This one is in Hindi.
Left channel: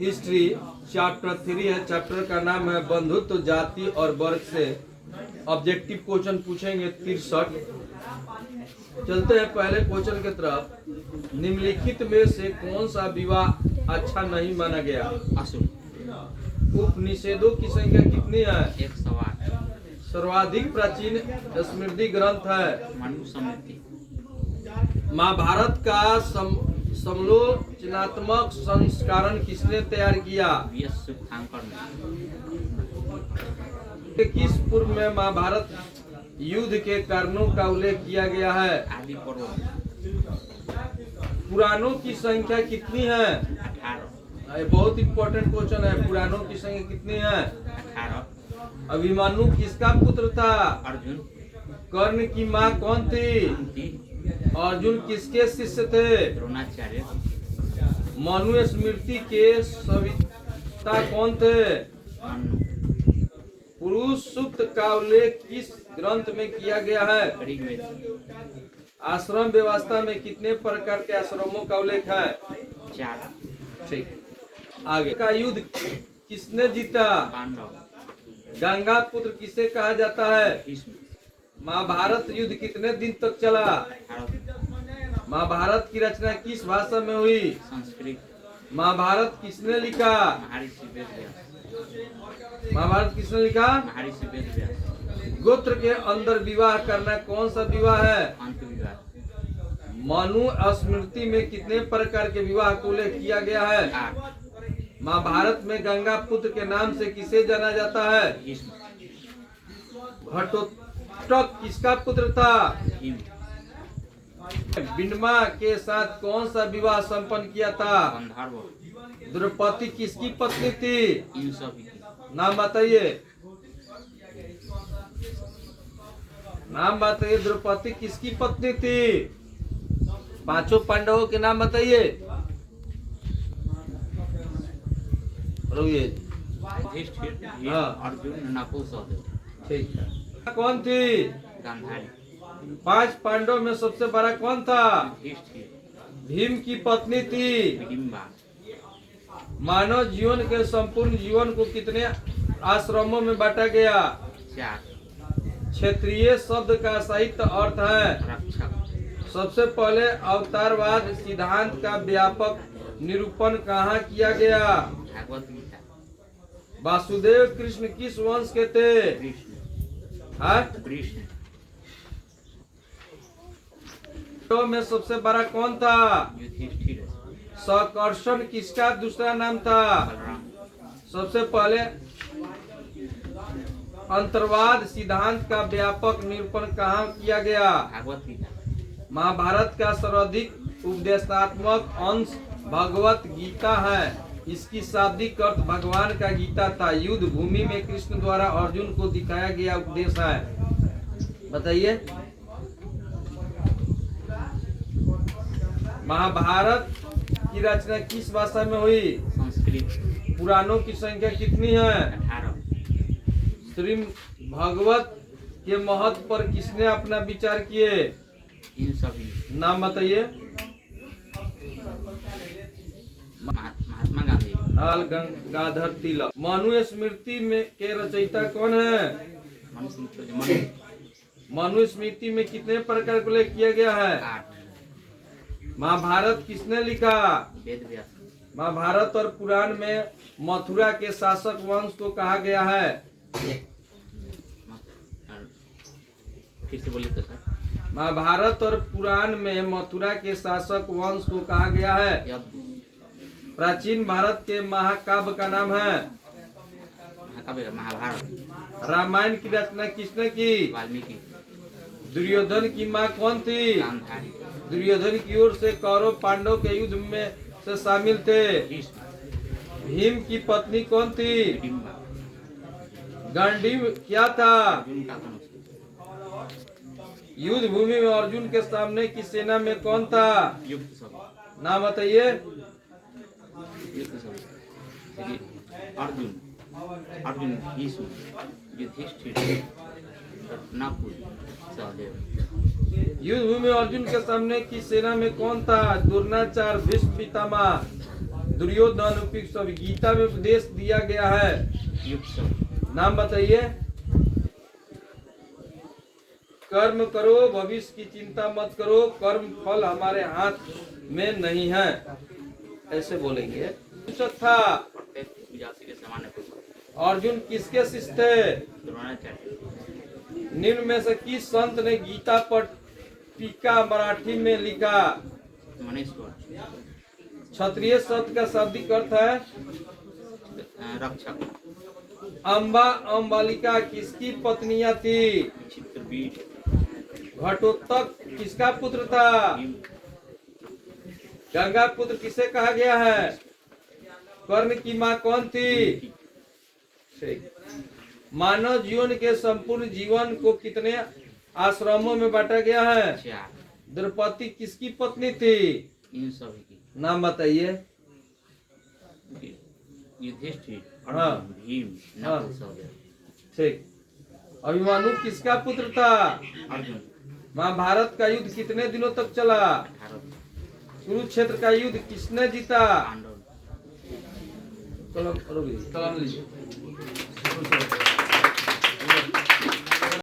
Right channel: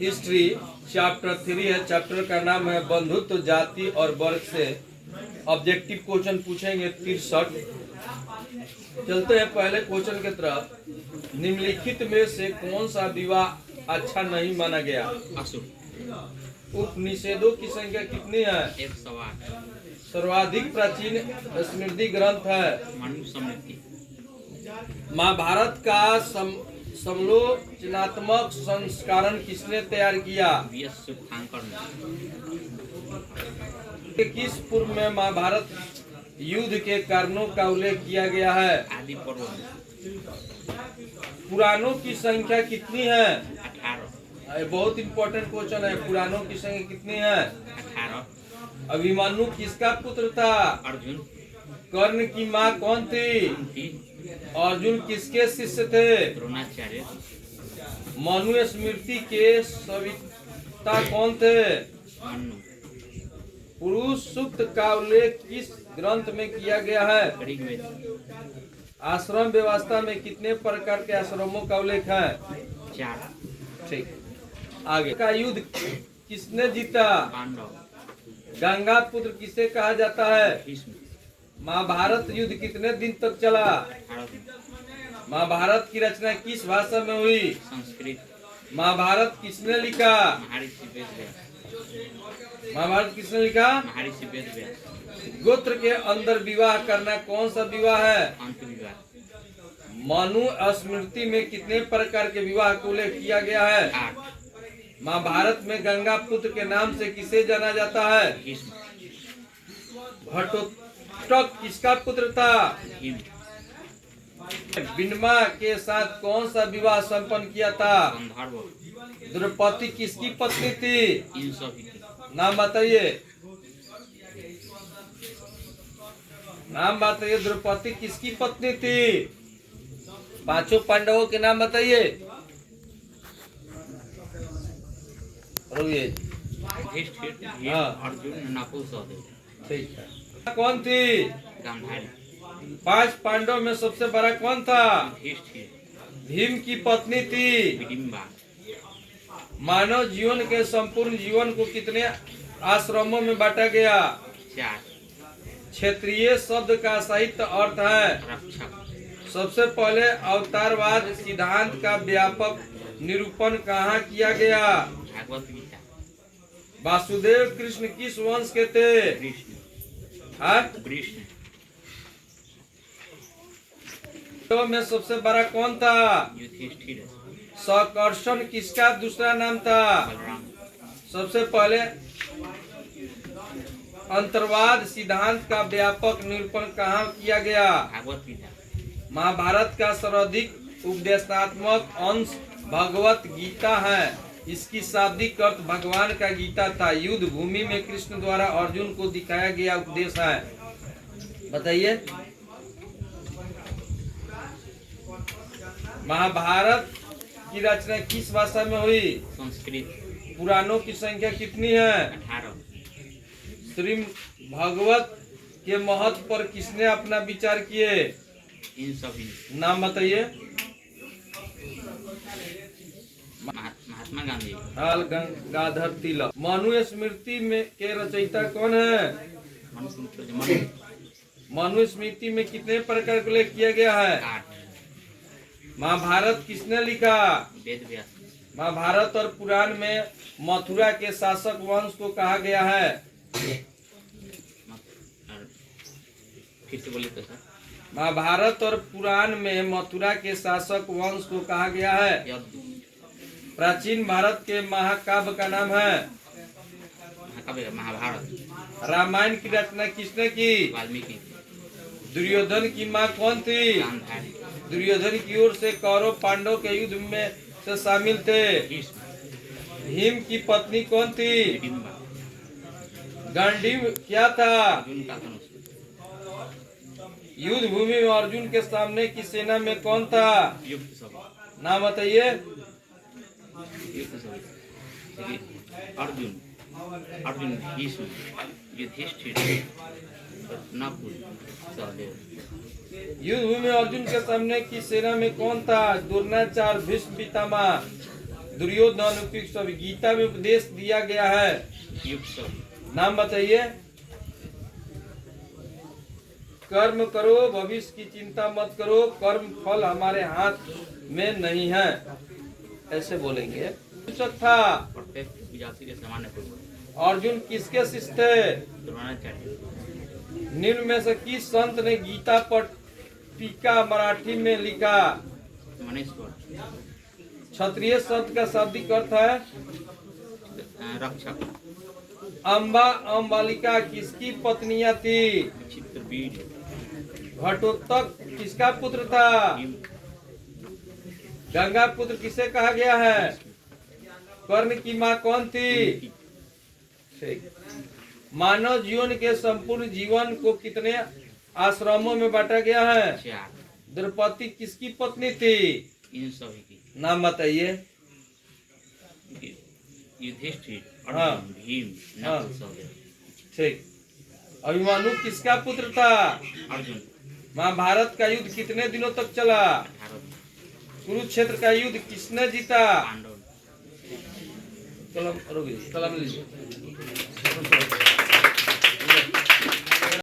हिस्ट्री चैप्टर 3 है। चैप्टर का नाम है बंधुत्व जाति और वर्ग से ऑब्जेक्टिव क्वेश्चन पूछेंगे 63। चलते हैं पहले क्वेश्चन की तरफ। निम्नलिखित में से कौन सा विवाह अच्छा नहीं माना गया? उपनिषदों की संख्या कितनी है? 108। सर्वाधिक प्राचीन स्मृति ग्रंथ है मनुस्मृति। महाभारत का समालोचनात्मक संस्करण किसने तैयार किया? सुखांकर ने। किस पूर्व में महाभारत युद्ध के कारणों का उल्लेख किया गया है? आदि पर्व। पुराणों की संख्या कितनी है? 18। ये बहुत इंपॉर्टेंट क्वेश्चन है। पुराणों की संख्या कितनी है? 18। अभिमन्यु किसका पुत्र था? अर्जुन। कर्ण की माँ कौन थी? कुंती। अर्जुन किसके शिष्य थे? द्रोणाचार्य। मनुस्मृति के सविता कौन थे? मनु। पुरुष सूक्त का उल्लेख किस ग्रंथ में किया गया है? ऋग्वेद। आश्रम व्यवस्था में कितने प्रकार के आश्रमों का उल्लेख है? 4। ठीक। आगे का युद्ध किसने जीता? पांडव। गंगा पुत्र किसे कहा जाता है? भीष्म। महाभारत युद्ध कितने दिन तक चला? 18। महाभारत की रचना किस भाषा में हुई? संस्कृत। महाभारत किसने लिखा? महर्षि वेदव्यास। महाभारत किसने लिखा? महर्षि वेदव्यास। गोत्र के अंदर विवाह करना कौन सा विवाह है? अंत विवाह। मनुस्मृति में कितने प्रकार के विवाह को उल्लेख किया गया है? 8। महाभारत में गंगा पुत्र के नाम से किसे जाना जाता है? भीष्म। घटोत्कच किसका पुत्र था? भीम। बिनमा के साथ कौन सा विवाह संपन्न किया था? गंधर्व। द्रौपदी किसकी पत्नी थी? इन सभी की। नाम बताइए। नाम बताइए। द्रौपदी किसकी पत्नी थी? पांचों पांडवों के नाम बताइए। युधिष्ठिर, भीम, अर्जुन, नकुल, सहदेव। ठीक है। कौन थी? गांधारी। 5 पांडव में सबसे बड़ा कौन था? युधिष्ठिर। भीम की पत्नी थी। हिडिंबा। मानव जीवन के संपूर्ण जीवन को कितने आश्रमों में बांटा गया? 4। क्षेत्रीय शब्द का साहित्य अर्थ है रक्षक। सबसे पहले अवतारवाद सिद्धांत का व्यापक निरूपण कहाँ किया गया? भागवत गीता। वासुदेव कृष्ण किस वंश के थे? कृष्ण। हाँ? कृष्ण। तो में सबसे बड़ा कौन था? युधिष्ठिर। सकर्षण किसका दूसरा नाम था? बलराम। सबसे पहले अंतर्वाद सिद्धांत का व्यापक निरूपण कहाँ किया गया? भागवत गीता। महाभारत का सर्वाधिक उपदेशात्मक अंश भगवत गीता है। इसकी शाब्दिक अर्थ भगवान का गीता था। युद्ध भूमि में कृष्ण द्वारा अर्जुन को दिखाया गया उपदेश है। बताइए। महाभारत की रचना किस भाषा में हुई? संस्कृत। पुराणों की संख्या कितनी है? 18। श्री भागवत के महत्व पर किसने अपना विचार किए? इन सभी। नाम बताइए। महात्मा गांधी। बाल गंगाधर तिलक। मनुस्मृति में के रचयिता कौन है? मनु। मनुस्मृति में कितने प्रकार का उल्लेख किया गया है? 8। महाभारत किसने लिखा? वेदव्यास। महाभारत और पुराण में मथुरा के शासक वंश को कहा गया है? फिर से बोलिए तो सर। महाभारत और पुराण में मथुरा के शासक वंश को कहा गया है? प्राचीन भारत के महाकाव्य का नाम है? महाकाव्य महाभारत। रामायण की रचना किसने की? वाल्मीकि। दुर्योधन की माँ कौन थी? गांधारी। दुर्योधन की ओर से कौरव पांडव के युद्ध में से शामिल थे। भीष्म। भीम की पत्नी कौन थी? हिडिंबा। गांडीव क्या था? अर्जुन का धनुष। युद्ध भूमि में अर्जुन के सामने की सेना में कौन था? युक्त सब। नाम बताइए। युक्त सब। अर्जुन। अर्जुन। भीष्म। युधिष्ठिर। नकुल, सहदेव। युद्ध भूमि में अर्जुन के सामने की सेना में कौन था? द्रोणाचार्य, भीष्म पितामह। दुर्योधन उपयुक्त सभी। गीता में उपदेश दिया गया है, युक्त सभी। नाम बताइए। कर्म करो, भविष्य की चिंता मत करो, कर्म फल हमारे हाथ में नहीं है, ऐसे बोलेंगे। था प्रत्येक जाति के सामान्य पूर्वज। अर्जुन किसके शिष्य थे? द्रोणाचार्य। निम्न में से किस संत ने गीता पर टीका मराठी में लिखा? मनेश्वर। क्षत्रिय शब्द का शाब्दिक अर्थ है रक्षक। अम्बा अम्बालिका किसकी पत्नियां थी? चित्रबीज। घटोत्कच किसका पुत्र था? भीम। गंगा पुत्र किसे कहा गया है? कर्ण की माँ कौन थी? ठीक। मानव जीवन के संपूर्ण जीवन को कितने आश्रमों में बांटा गया है? 4। द्रौपदी किसकी पत्नी थी? इन सभी की। नाम बताइए। युधिष्ठिर, हाँ। अर्जुन, भीम, हाँ। नकुल, सहदेव। ठीक। अभिमन्यु किसका पुत्र था? अर्जुन। महाभारत का युद्ध कितने दिनों तक चला? 18। कुरुक्षेत्र का युद्ध किसने जीता? पांडव। कलम लीजिए।